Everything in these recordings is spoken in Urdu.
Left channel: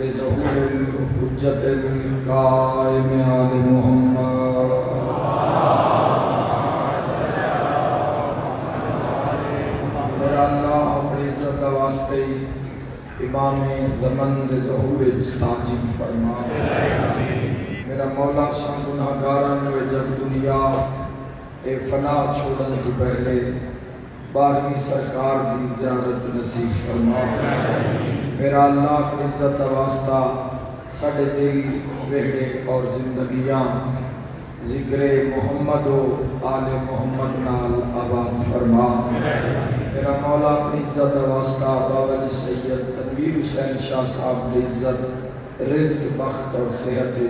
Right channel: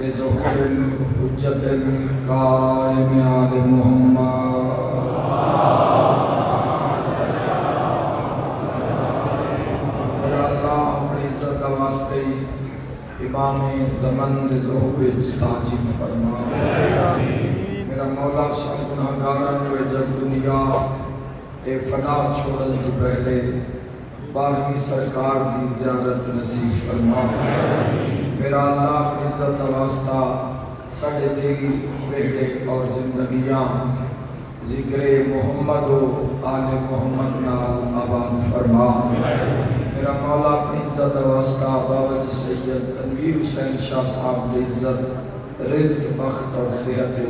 بظهور الحجة القائم آل محمد میرا اللہ اپنی عزت واسطے امام زمن دے ظہور تاجب فرما میرا مولا سب گناہگاران و جب دنیا اے فنا چھوڑن تو پہلے 12ویں سرکار کی زیارت نصیب فرما میرا اللہ اپنی عزت واسطہ ساڑھے دل بیڑے اور زندگیاں ذکر محمد و آل محمد نال آباد فرما میرا مولا اپنی عزت واسطہ باوج سید تنویر حسین شاہ صاحب کی عزت رزق بخت اور صحت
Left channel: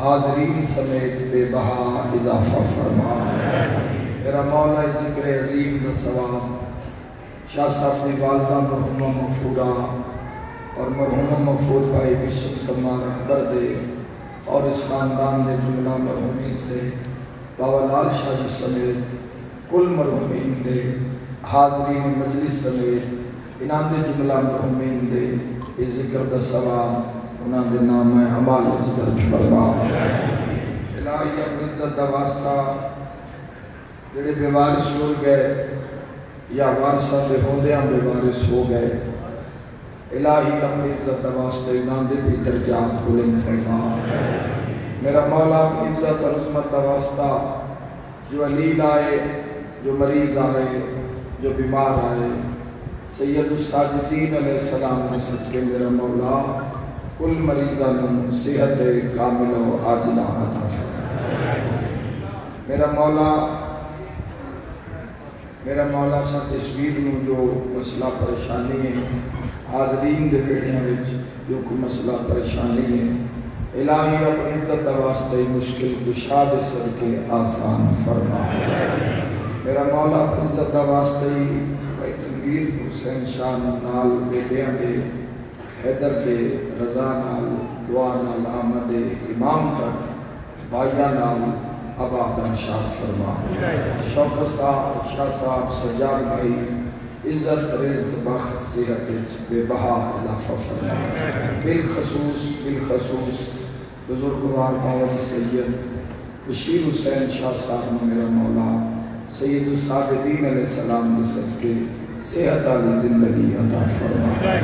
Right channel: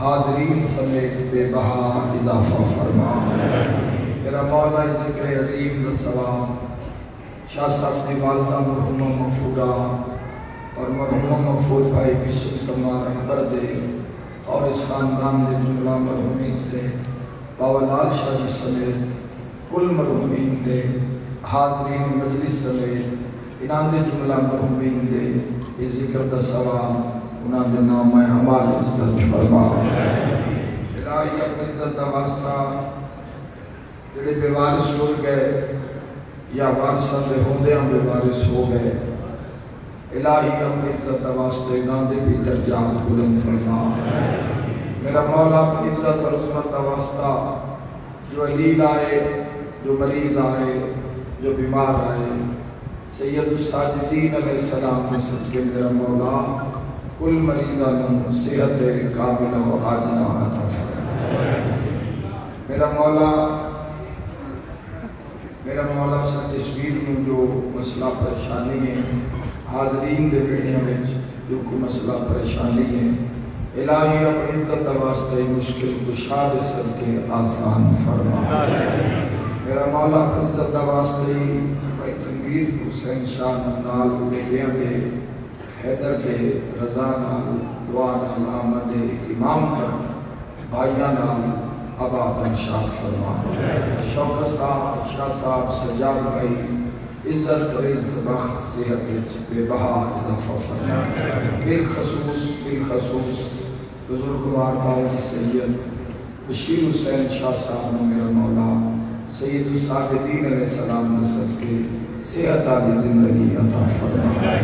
حاضرین سمیت بے بہا اضافہ فرما میرا مولا ذکر عظیم و ثواب شاہ صاحب نے والدہ مرحومہ مغفورہ اور مرحومہ مغفور بھائی بسم تمہار اکبر دے اور اس خاندان نے جملہ مرحومین دے باولال شاہ سمیت کل مرحومین دے حاضرین مجلس سمیت انہاں دے جملہ مرحومین دے یہ ذکر دا ثواب انہاں دے نام حوالے درج فرما الہی اپنی عزت دا واسطہ جڑے بے وارث ہو گئے یا وارثاں دے ہوندیاں بے وارث ہو گئے الہی اپنی عزت دا واسطے انہاں دے بھی درجات بلند فرما میرا مولا اپنی عزت اور عظمت دا واسطہ جو علیل آئے جو مریض آئے جو بیمار آئے سید الساجدین علیہ السلام نے صدقے میرا مولا کل مریضہ من صحت کامل و عاجلہ عطا فرما میرا مولا سب تصویر میں جو مسئلہ پریشانی ہے حاضرین دے بیڑیاں وچ جو کوئی مسئلہ پریشانی ہے الہی اپنی عزت واسطے مشکل کشا دے صدقے آسان فرما میرا مولا اپنی عزت واسطے تنویر حسین شاہ نال بیٹیاں دے حیدر دے رضا نال دعا نال آمد امام تک بھائیاں نال آبادان شاہ فرما شوکت صاحب شاہ صاحب سجاد بھائی عزت رزق بخت صحت بے بہا اضافہ فرما بالخصوص بزرگوار باوجی سید بشیر حسین شاہ صاحب میرا مولا سید السابدین علیہ السلام نے صدقے صحت علی زندگی عطا فرما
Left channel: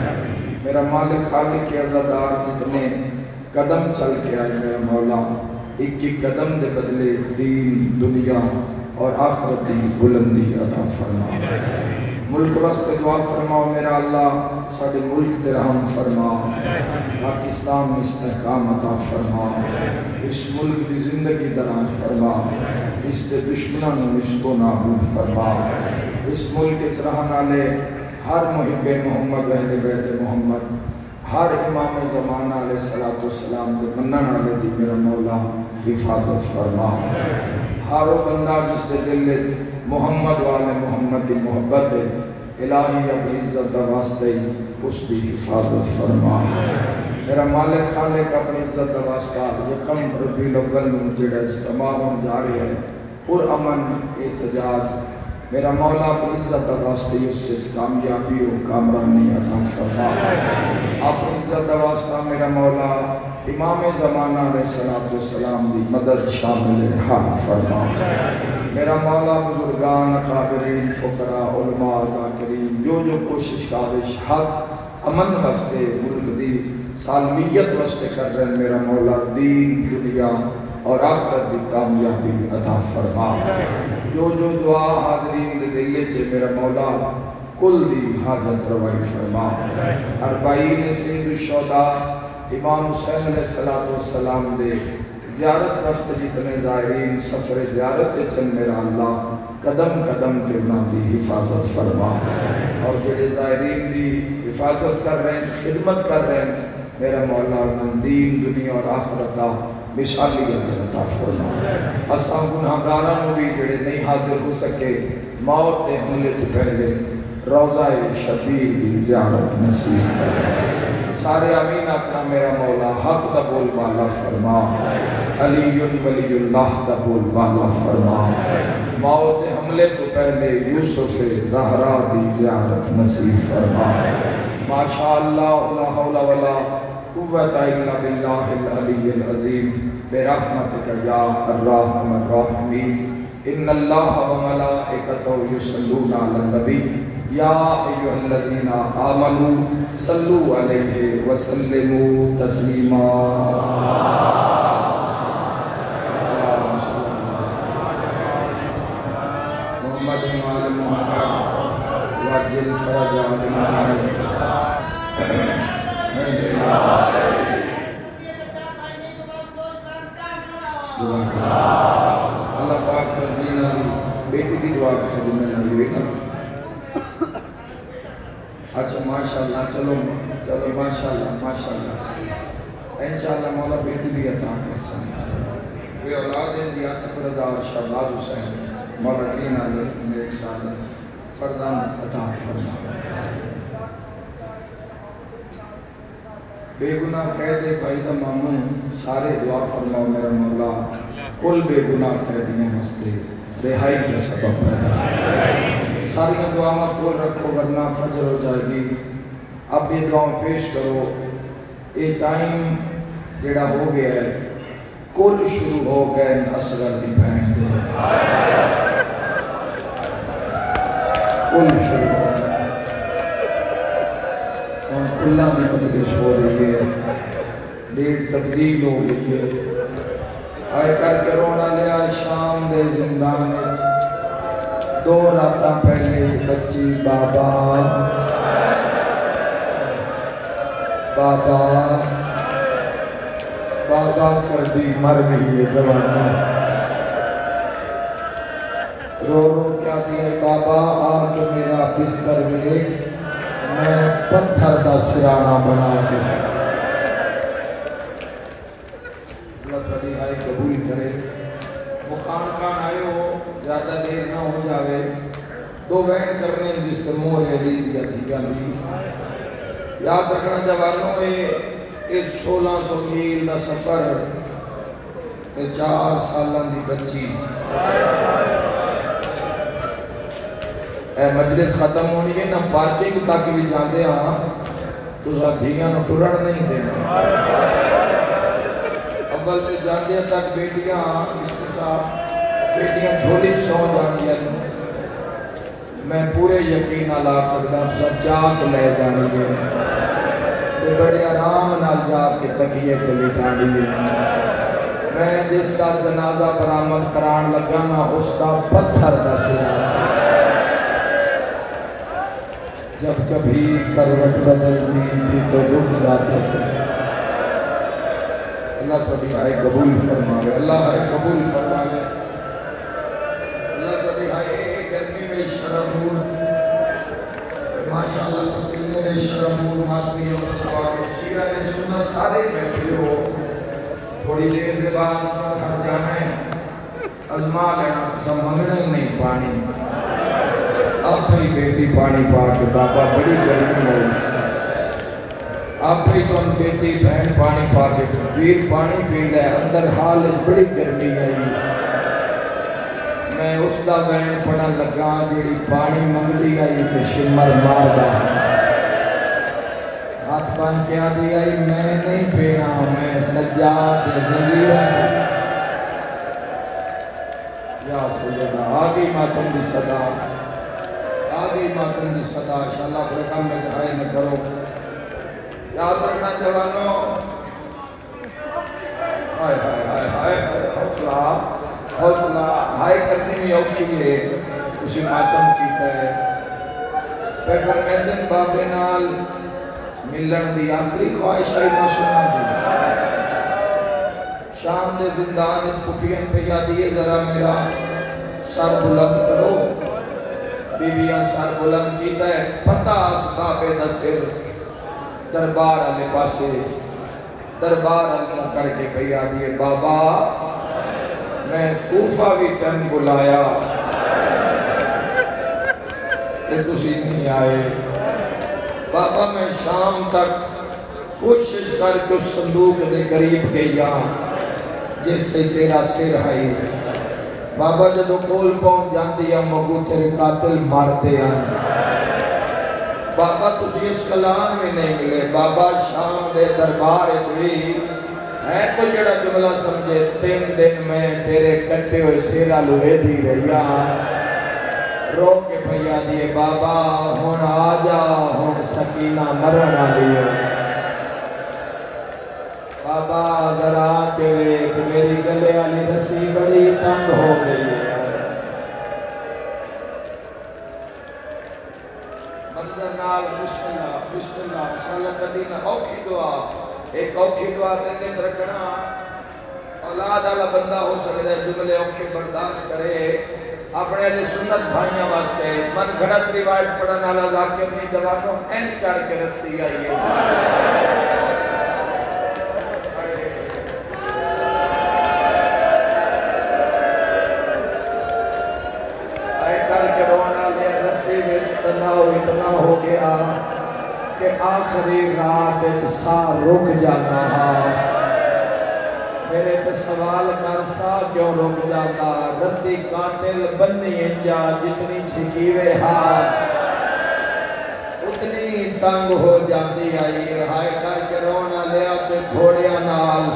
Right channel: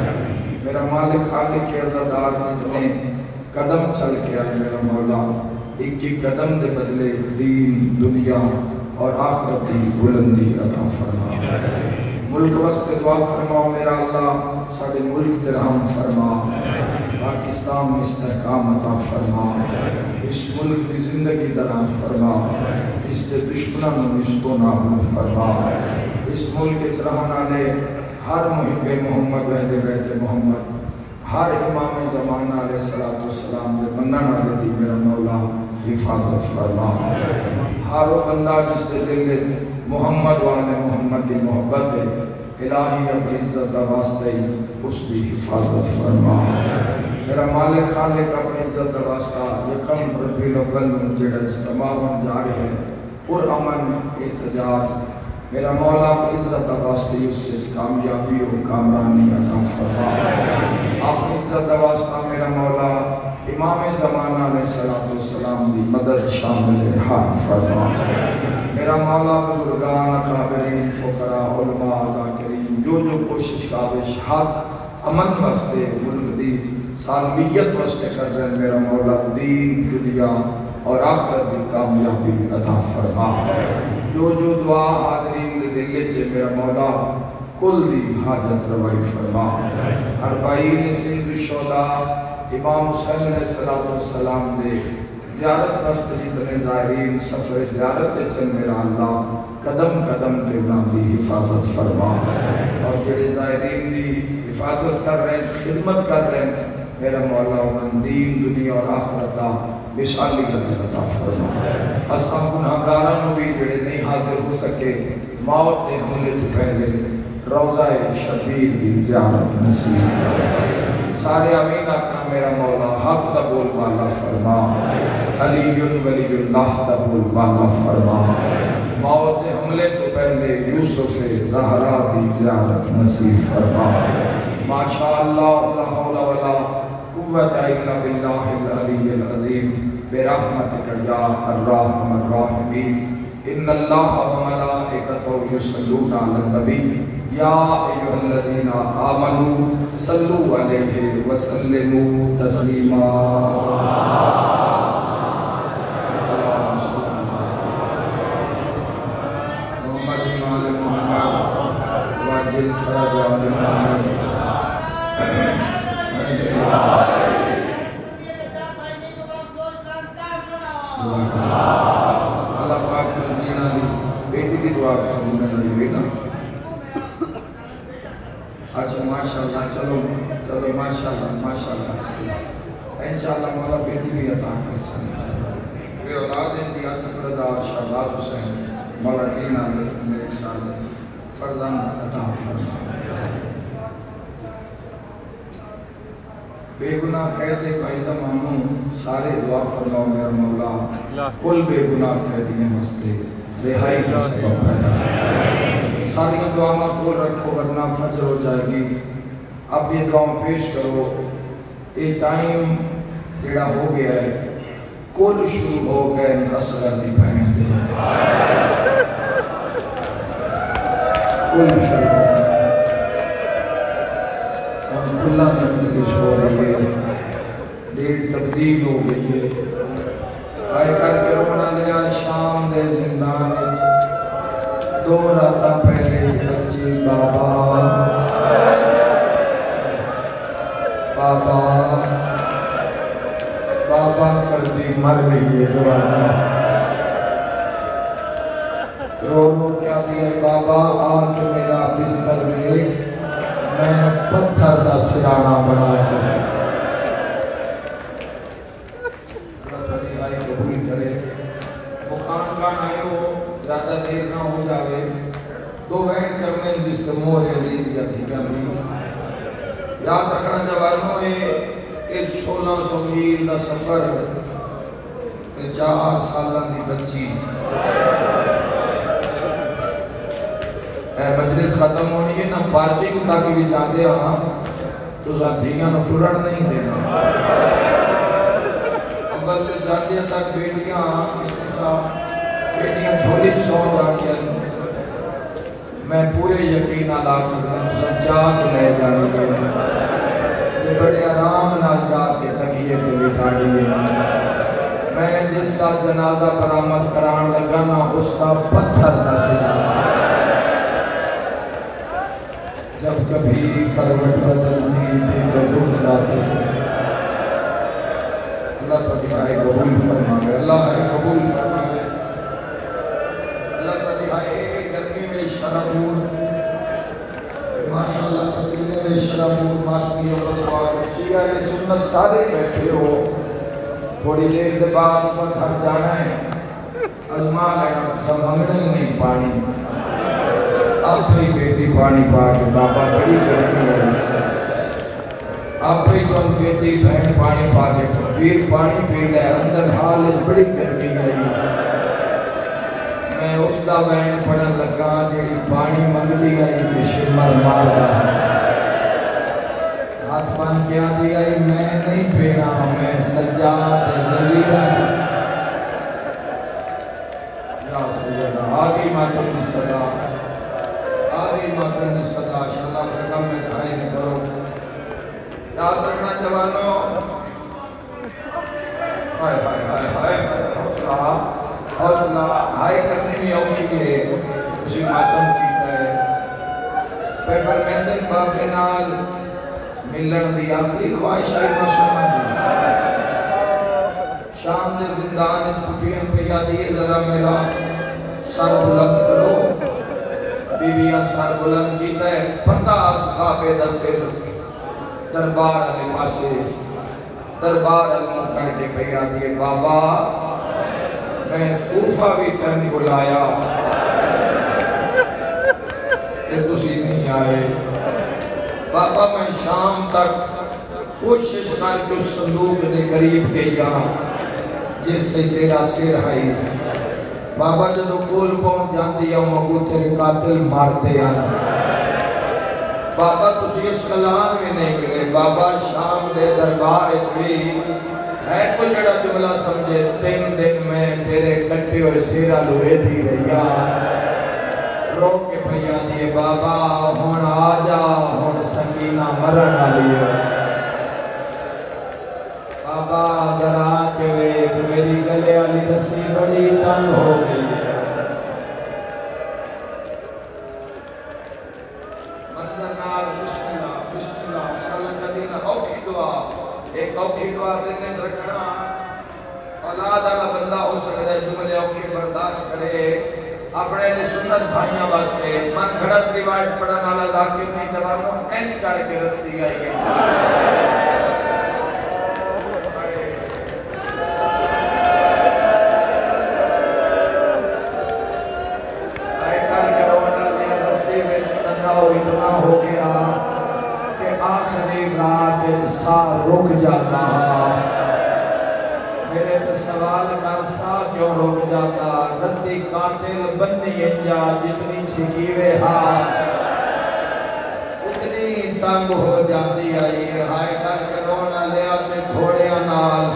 میرا مالک خالق کے عزادار جتنے قدم چل کے آئے میرا مولا ایک قدم دے بدلے دین دنیا اور آخرت دی بلندی عطا فرما ملک وسط دعا فرما میرا اللہ ساڑھے ملک دے رحم فرما پاکستان میں استحکام عطا فرما اس ملک دی زندگی دراز فرما اس دے دشمنان رشتوں نابود فرما اس ملک کے رہنے والے ہر محب محمد اہل بیت محمد ہر امام زمانہ علیہ السلام دے منن والے دی میرا مولا حفاظت فرما ہر بندہ جس دے دل محمد والے محمد دی محبت ہے الہی اپنی عزت دا واسطے اس دی حفاظت فرما میرا مالک خالق اپنی عزت دا واسطہ یکم ربیع الاول میں جڑا اجتماع ہونے جا رہے ہیں پر امن احتجاج میرا مولا اپنی عزت دا واسطے اس سے کامیابی و کامرانی عطا فرما اپنی عزت دا واسطہ میرا مولا امام زمانہ علیہ السلام دی مدد شامل حال فرما میرا مولا بزرگان اکابرین فقراء علماء ذاکرین جو کوشش کابش حق امن واسطے ملک دی سالمیت واسطے کر رہے ہیں میرا مولا دین دنیا اور آخرت دی کامیابی عطا فرما جو دعا حاضرین دے دلے چھے میرا مولا کل دی حاجت روائی فرما اربعین سید الشہداء امام حسین علیہ السلام دے زیارت واسطے جتنے ظاہرین سفر زیارت چل میرا اللہ قدم قدم تے انہاں دی حفاظت فرما اور جڑے ظاہرین دی حفاظت کر رہے ہیں خدمت کر رہے ہیں میرا مولا انہاں دین دنیا اور آخرت دا مثالیت عطا فرما اساں گناہگاراں بھی جڑے نہیں حاضر ہو سکے موت دے حملے تو پہلے روضہ شبیر دی زیارت نصیب سارے امین آقا میرا مولا حق دا بول بالا فرما علی ولی اللہ دا بول بالا فرما موت دے حملے تو پہلے یوسف زہرا دی زیارت نصیب فرما ماشاءاللہ لا حول ولا قوة إلا بالله العلي العظيم برحمتك يا الرحمن الرحيم إن الله وملائكته يصلون على النبي يا أيها الذين آمنوا صلوا عليه وسلموا تسليما اللہ پاک مدینہ دی بیٹی کی دعا شروع میں نہیں ہوئی نا اچھا ماشاءاللہ چلو ماشاءاللہ انشاءاللہ مولا بیٹی بھی عطا کر سکتے وہ اولاد دیا سکردہ شہباز حسین مولا دینہ دے ایک سال فرزند عطا فرما بے گناہ قیدے قائدہ مامون سارے دعا فرماؤ میرا مولا کل بے گناہ قیدیاں مستے رہائی کا سبب پیدا فرماؤ ساری دعا مقبول رکھو ورنہ فجر ہو جائے گی اب یہ دعا پیش کرو یہ ٹائم جڑا ہو گیا ہے کل شروع ہو گئے اصغر دی بہن دے کل شروع ہو گئے اللہ نے مجھے ہو رہی ہے ڈیٹ تبدیل ہو گئی ہے آئے کر کے رونا لیا شام دے زندان دو راتاں پہلے بچی بابا کر دی مر گئی ہے رو کیا دیا بابا آ کے میرا بستر دیکھ میں پتھر کا سرانا بنا کر اللہ تعالی آئے قبول کرے وہ کان آئے ہو زیادہ دیر نہ ہو جائے دو وین کرنے جس کے موڑے لی دیا تھی جانے یاد رکھنا جوانوں ایک 1600 میل کا سفر تے 4 سالہ دی بچی مجلس ختم ہوئی ہے نا پارٹنگ تاکہ بھی جاندے ہاں تو زندگیاں نہ پرڑ نہیں دینا اول تے جاندے تک بیٹیاں اس کے ساتھ بیٹیاں جھولی سو آگیا میں پورے یقین آلاک سکتا ہوں سجاد لے جانے گے تو بڑے آرام نال جا کے تکیے پہ بٹھاڑی ہے میں جس کا جنازہ برآمد کران لگا نا اس کا پتھر نہ سنا جب کبھی کروٹ بدلتی تھی تو رک جاتا تھا اللہ تعالی آئے قبول فرمائے اللہ آئے قبول فرمائے اللہ تعالی آئے گرمی میں شرمون ماشاءاللہ تسلیم میں شرمون ماتمی اور شیعہ سنت سارے بیٹھے ہو تھوڑی دیر کے بعد فرحہ جانا ہے ازما لینا سمجھنے نہیں پانی آپ ہی بیٹی پانی پا کے بابا بڑی کرنی ہے آپ ہی تو بیٹی بہن پانی پا کے ویر پانی پی لے اندر حالت بڑی کرنی ہے میں اس دا بہن پڑھن لگا جیڑی پانی منگتی گئی کہ شمار مار دا ہاتھ بن کے آدھی گئی میں نہیں پینا میں سجاد ذلیل یا سجدہ آگئی ماتم کی صدا آگئی ماتم کی صدا شاءاللہ کے کم میں دھائی نہ کرو یاد رکھنا جوانوں ہائے ہائے ہائے ہائے حوصلہ ہائے کرنے میں اوکی ہے اسی ماتم کیتا ہے پھر فرمیدن بابے نال ملن دی آخری خواہش ہے مشہور شام دے زندان پپین پہ یادیے ذرا میرا سر بلند کرو بیویاں سر بلند کیتا ہے پتہ اصحاب دسر دربار علی پاسے دربار المکر کے پہ یادیے بابا میں کوفہ بھی تن بلایا کہ تسی نہیں آئے بابا میں شام تک کوشش کر کے اس صندوق کے قریب گیا جس سے تیرا سر آئی بابا جدو کول پہنچ جاندی ہے مگو تیرے قاتل مار دیا بابا تسی اس کلام میں نہیں ملے بابا شام دے دربار چوئی ہے تو جڑا جملہ سمجھے 3 دن میں تیرے کٹے ہوئے سیرہ لوے دی رہیا رو کے بھیا دیے بابا ہون آجا ہون سکینہ مرن آلی بابا ذرا کے ویک میری گلے علی رسی بڑی تنگ ہو گئی ایک اوکھی دعا دلنے رکھنا اولاد آلا بندہ ہو سکے جملے اوکھی برداشت کرے اپنے لئے سنت بھائیاں واسطے من گھڑت روایت پڑھن والا لاکر نہیں دوانوں این کر کے رسی آئیے آئے کر کے رونا لے رسی ویچ دنہ ہوئی دنہ ہو گیا کہ آخری رات سا رک جاتا میرے سوال کا سا کیوں رک جاتا رسی قاتل بننی انجا جتنی چھکیوے ہاتھ اتنی تنگ ہو جاتی آئی ہائے کر کے رونا لیا کہ گھوڑیاں نال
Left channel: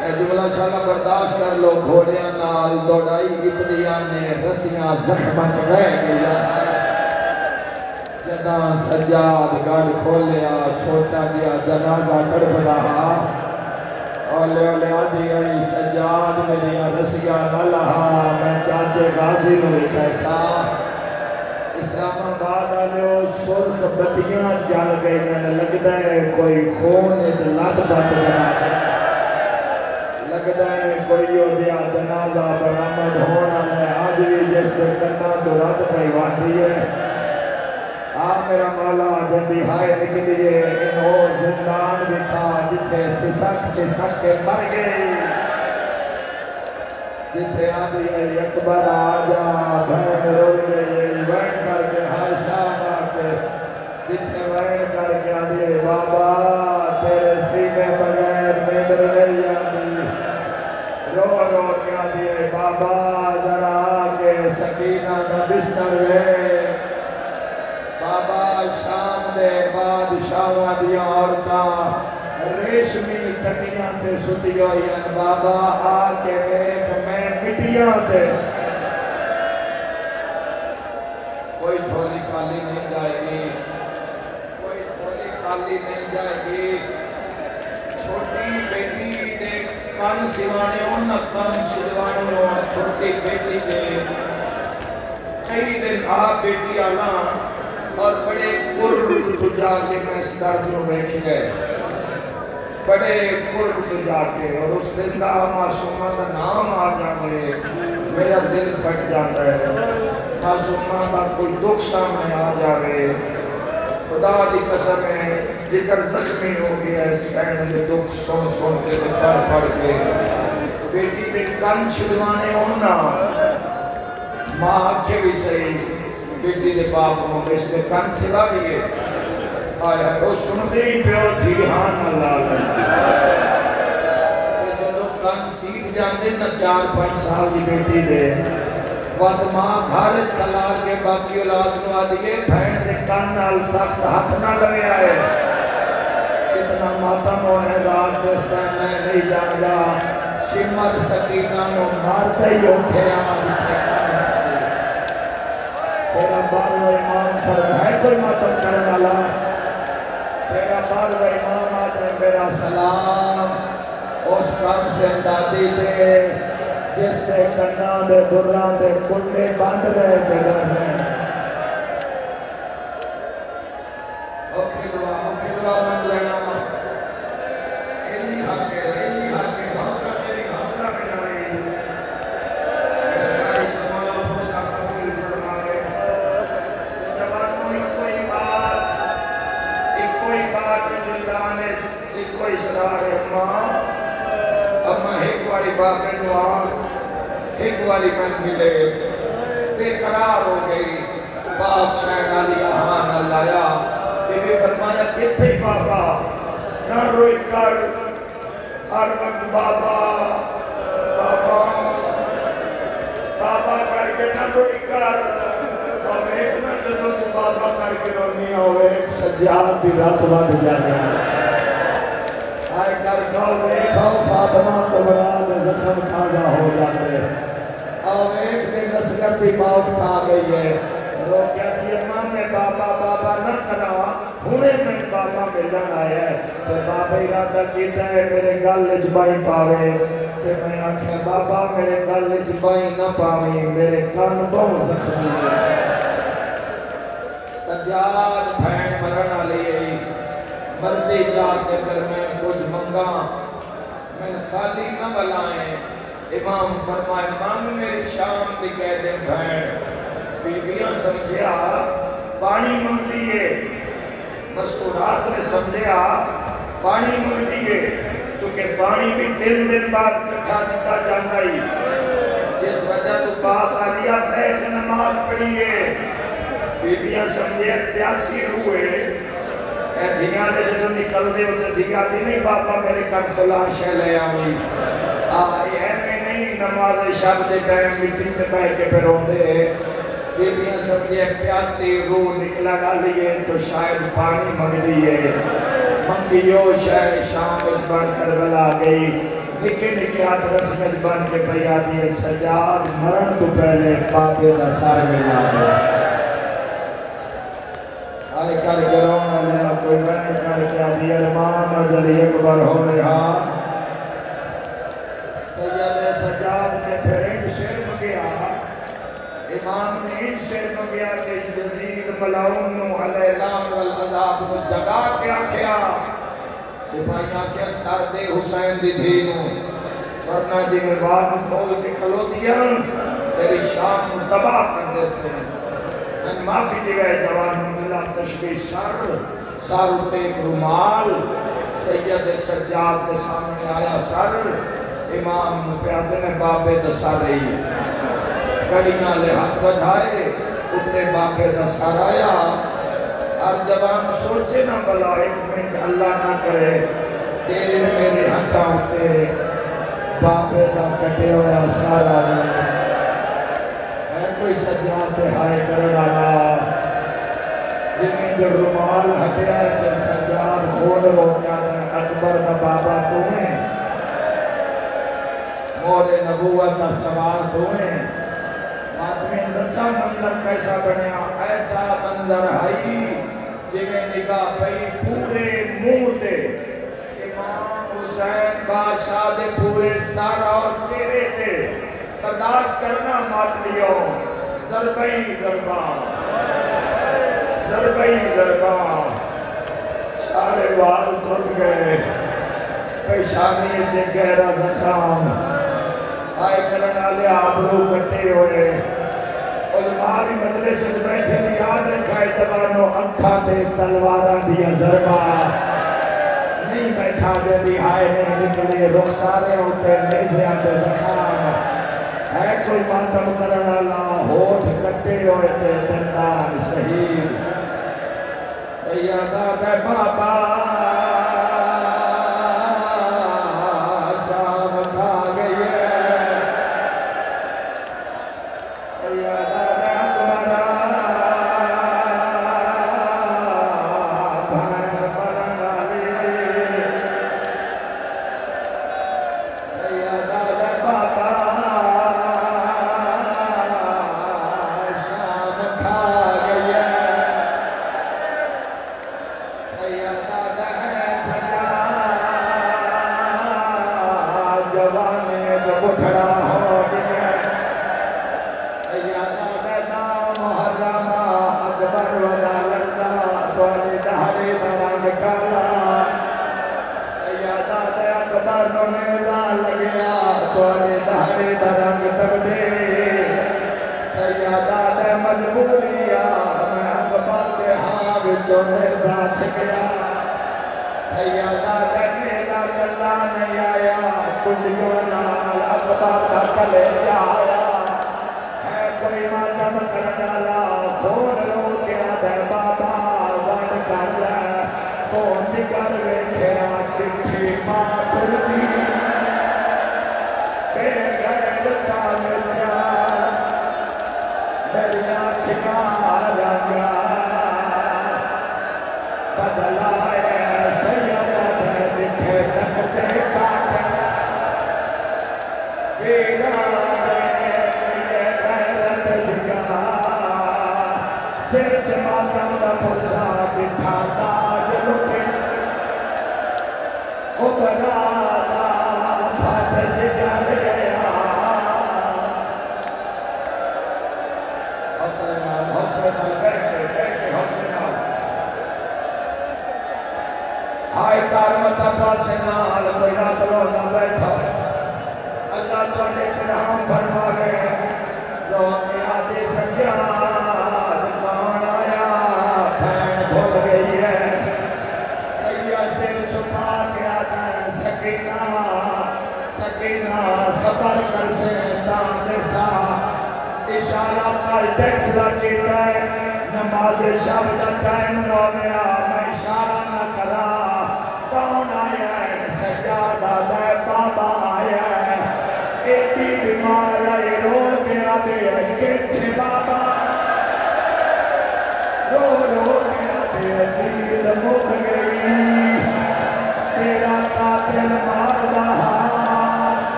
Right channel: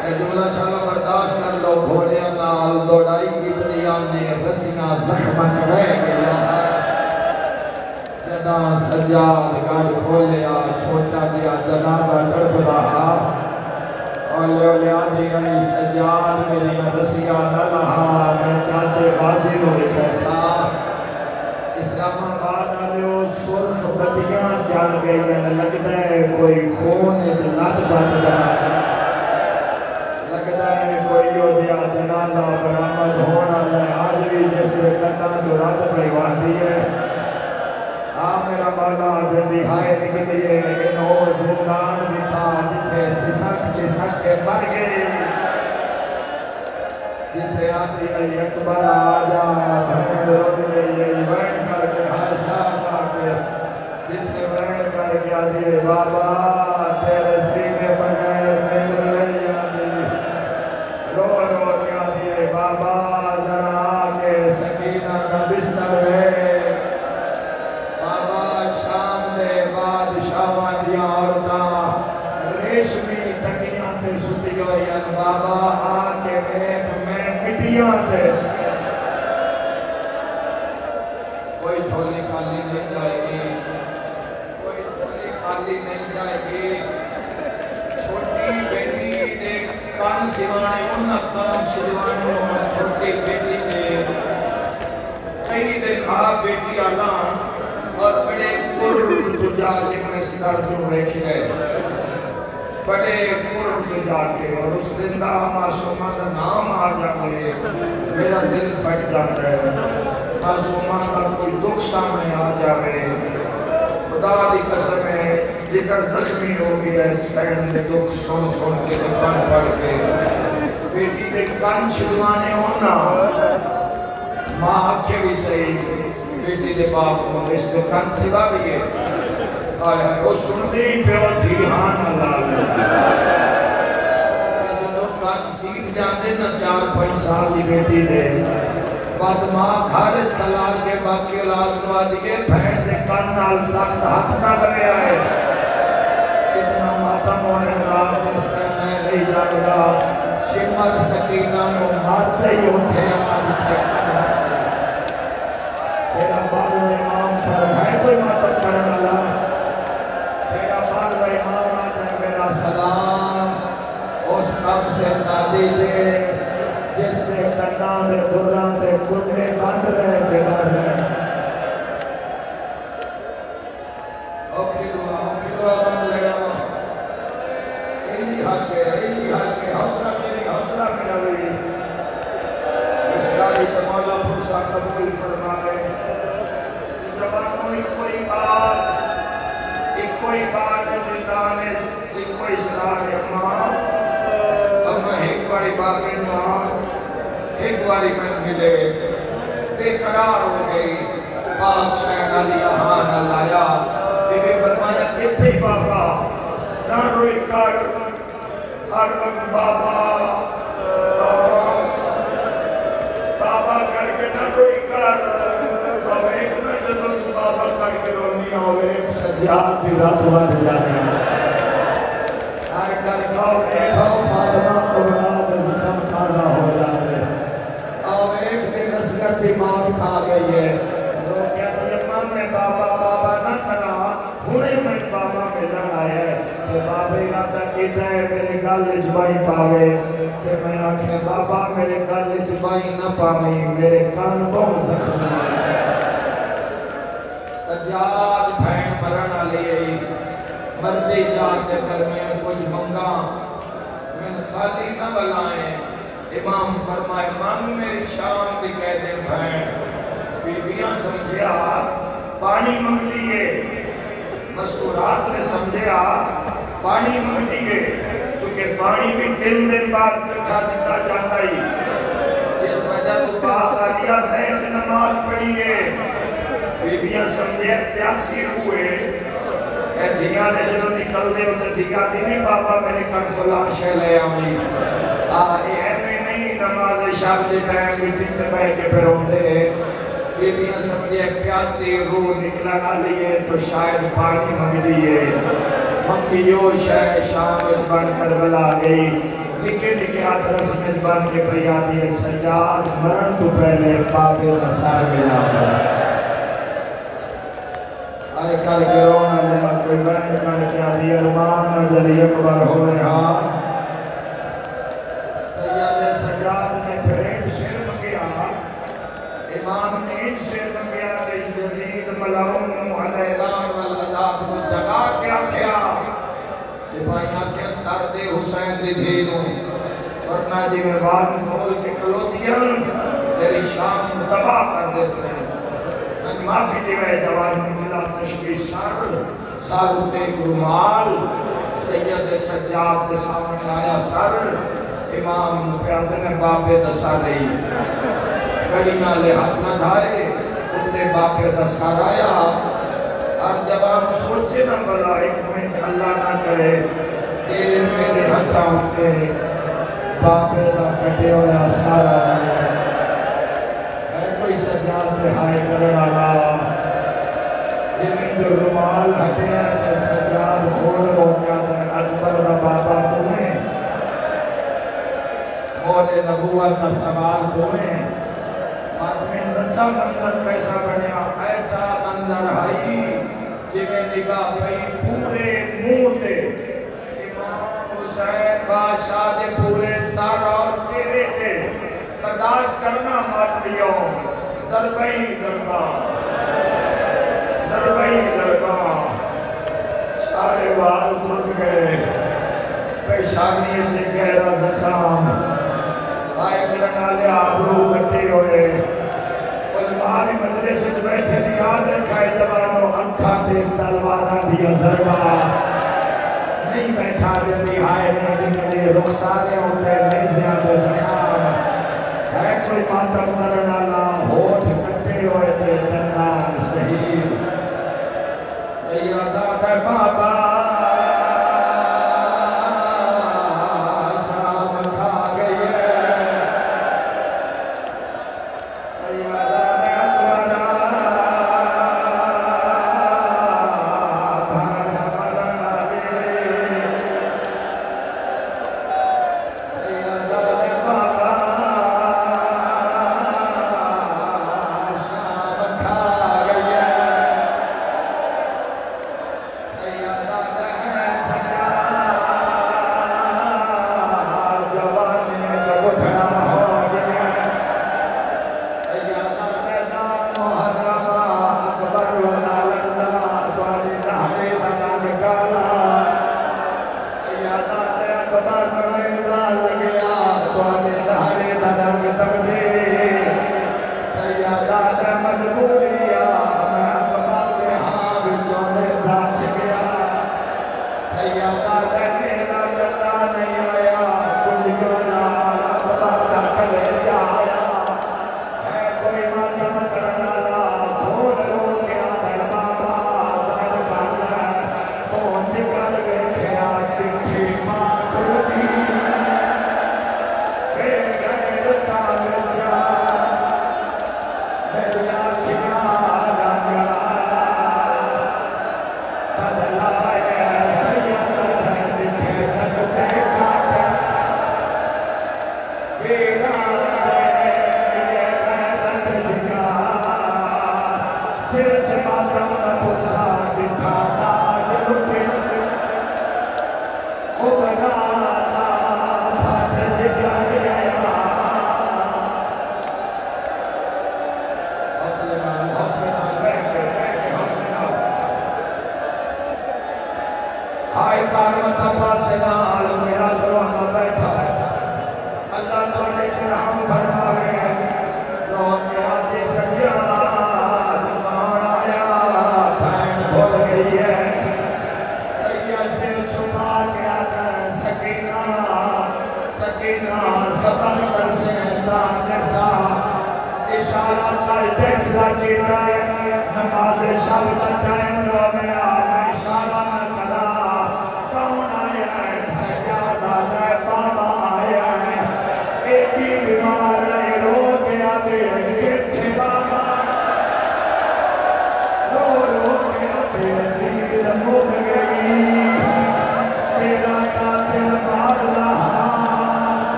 اے جملہ شالا برداشت کر لو گھوڑیاں نال دوڑائی اتنی آنے رسیاں زخمہ چڑھے گیا سجاد گاڑ کھولیا چھوٹا دیا جنازہ کڑپ رہا اولے اولے آدھی گئی سجاد میری رسیہ نہ لہا میں چاچے غازی نو کیسا اسلام آباد آلیو سرخ بطیاں چال گئی لگتا ہے کوئی خون لد بات جنازہ لگتا ہے کوئی یو دیا جنازہ برامد ہونا لے آج بھی جس میں کرنا جو رات پہ واردی ہے میرا مولا جلدی ہائے لکھ دیئے انہو زندان دکھا جتے سسک کے مر گئی جتے آدھی ہے اکبر آجا بھین روگ لئیے وین کر کے ہر شاہ آکے جتے وین کر کے آدھی بابا تیرے سینے بغیر مندر لئیے آدھی رو رو کے آدھی بابا ذرا آکے سکینہ کا بستر ہے ریشمی تکیاں تے ستی گئی بابا آکے ایک میں مٹیاں تے کوئی جھولی خالی نہیں جائے گی کوئی جھولی خالی نہیں جائے گی چھوٹی بیٹی نے کام سوانے انہا کام سوانے چھوٹی بیٹی نے کئی دن بیٹی آنا اور بڑے قرب تو جا کے میں اس دردوں میں کھلے بڑے قرب تو جا کے اور اس دن دا معصومہ کا نام آ جائے میرا دل پھٹ جاتا ہے معصومہ کا کوئی دکھ سامنے آ جائے خدا دی قسم ہے ذکر زخمی ہو گیا سین نے دکھ سن کے پڑھ کے بیٹی نے کن چھلوانے ہونا ماں آکھے بھی صحیح بیٹی نے پاپ کو اس نے کن سوا بھی گئے آیا وہ سنتے ہی پیو دھیان اللہ کہ دونوں کن سیدھ جاندے نا 4-5 سال کی بیٹی دے وقت ماں گھارج کلال کے باقی اولاد نوا دیئے بھین دے کن نال سخت ہاتھ نہ لگے آئے اتنا ماتم ہونے رات اس میں نہیں جائے گا شمر سکینہ نو مارتے ہی اٹھے تیرا بارو امام فرم ہے کوئی ماتم کرنے والا تیرا بارو امام آتا ہے میرا سلام اس کام سے دادی دے جس نے کرنا دے بران دے کنڈے بند رہے کے رکھ رہے اوکھی دعا بند رہے ایلی حاکے حوصلہ میں جاوئی اسرائی تمہارا موسیٰ قبول فرمائے جوانوں کوئی بات جلدان ہے کوئی اسرار امام اما ایک باری باقی نوان ایک باری من ملے بے قرار ہو گئی پاک شہنہ لیا ہاں نہ لایا بے بے فرمایا کتے بابا نہ روئی کر ہر وقت بابا کر کے نہ روئی کر اب ایک میں جب تو بابا کر کے رونی ہو ایک سجاد بھی رات وقت جانے ارادہ کیتا ہے میرے گل چبائی پاوے کہ میں آکھیا بابا میرے گل چبائی نہ پاویں میرے کان تو زخمی سجاد بھین مرنا لے مردی جاتے کر میں کچھ منگا من خالی نہ بلائیں امام فرمائے مانگ میری شام دی کہہ دیں بھین بیبیاں سمجھے آپ پانی منگ دیئے دستورات نے سمجھے آپ پانی منگ دیئے کیونکہ پانی بھی 3 دن بعد کٹھا دیتا جاتا ہی جس وجہ تو باپ علیہ بیت نماز پڑھیے بیبیاں سمجھے پیاسی ہوئے اے دھیاں نے جنہوں نکل دے ہوتے دھیاں دی نہیں بابا میرے کن فلان شہ لے آویں ایویں نہیں نماز شاہ دے ٹائم میٹنگ تے بیٹھ کے پھر ہوندے بیبیاں سمجھے پیاسی روح نکلا ڈالیے تو شاید پانی منگ دیئے منگیو شاہ شام وچ بن کر بلا گئی نکے نکے آدھ رسمت بن کے پیا دیئے سجاد مرن تو پہلے بابے دا سار ملا آئے کر کے رونا لیا کوئی بہن کر کے آدھی ارمان اجلی اکبر ہو رہا سجاد نے پھر ایک شیر مگیا امام نے ایک شیر مگیا کہ یزید ملعون علیہ الام والعذاب کو جگا کیا کیا سپاہیاں کیا ساتھ حسین دی دین ورنہ جی میں بات کھول کے کھلو دیا تیری شام تباہ کر دے سے میں معافی دیوائے جوان ملا تشبیح سر ایک رومال سید سجاد کے سامنے آیا سر امام پیادے میں بابے دسا رہی گڑیاں لے ہاتھ بدھائے اتے بابے دسا آیا اور جوان سوچے نہ بلا ایک منٹ اللہ نہ کرے تیرے میرے ہاتھ ہوتے بابے نہ پٹے ہویا سارا ہے کوئی سجاد رہائے کرنا گا جنہیں جو رومال ہٹیا ہے کہ سجاد کھول ہو کیا ہے اکبر کا بابا تمہیں موڑے نبوت کا سوال تمہیں آدمی دسا منظر کیسا بنیا ایسا منظر آئی جنہیں نگاہ پہی پورے منہ دے امام حسین بادشاہ دے پورے سارا اور چہرے دے ترداش کرنا مات لیو ضربی ضربہ ضربی ضربہ سارے وال دھر گئے پیشانی سے گہرا زخام آئے کرنا لے آبرو کٹے ہوئے علماء بھی مدرسے سے بیٹھے بھی یاد رکھائے جوانوں انکھا دے تلوارہ دیا ضربہ نہیں بیٹھا دے بھی آئے نہیں نکلے رخصانے ہوتے نیزیاں دے زخام ہے کوئی ماتم کرنا لا ہوٹ کٹے ہوئے پہ دندان شہید سیادہ دے بابا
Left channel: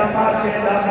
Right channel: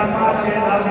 Tamache